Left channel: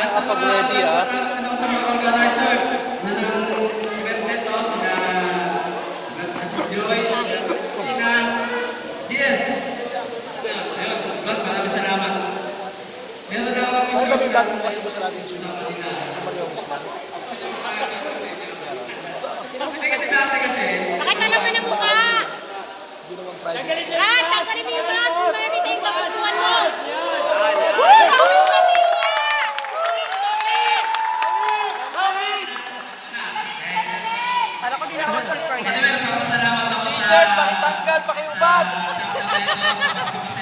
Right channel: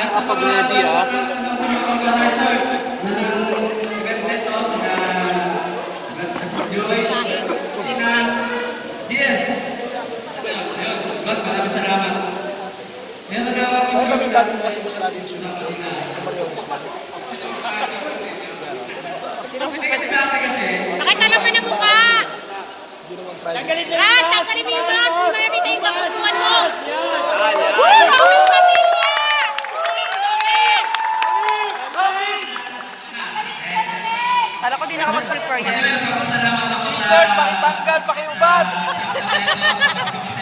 siya kapag ready ah. Sa mga organizers na nag-event nito, sina Joy, Tina, GS. Ayun, maraming salamat. Meron na ako Ano ba yung bagong masubos natin sa Mario Usman? kasi dati kasi, Pakita naman ang mukha! Hindi naman private. Tanggalin mo yung mask! Mayroon tayong kapupuan mo! Woo! Aming pamilya! Para ko din nakapag-prepare yan. papasalamat ako sa Sir, pakitanggal, pakiubad!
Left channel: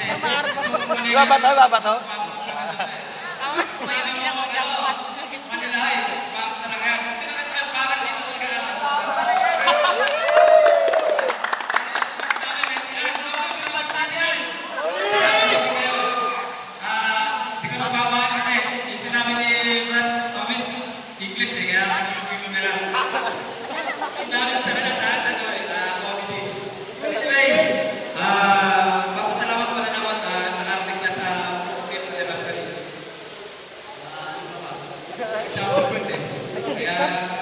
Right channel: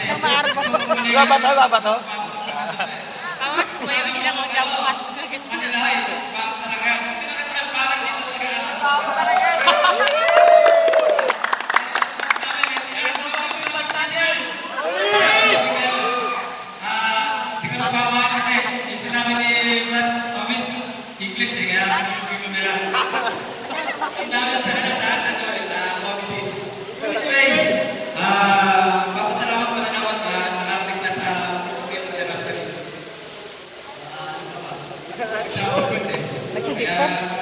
Nang maarap ako. Babat oh, babat oh. Awas, mayroon nilang mga dapat. Manila eh. Bago talaga. Pinakatagal parang dito talaga. Hindi ko nagbabahan kasi yung sinabi ni Brad Thomas, English eh, kaya nagpipino nila. Ang dami sa kanila sa comedy. Anyway, papasalamat ko na naman nakarating na sa 50th anniversary. Isa ako birthday. Kaya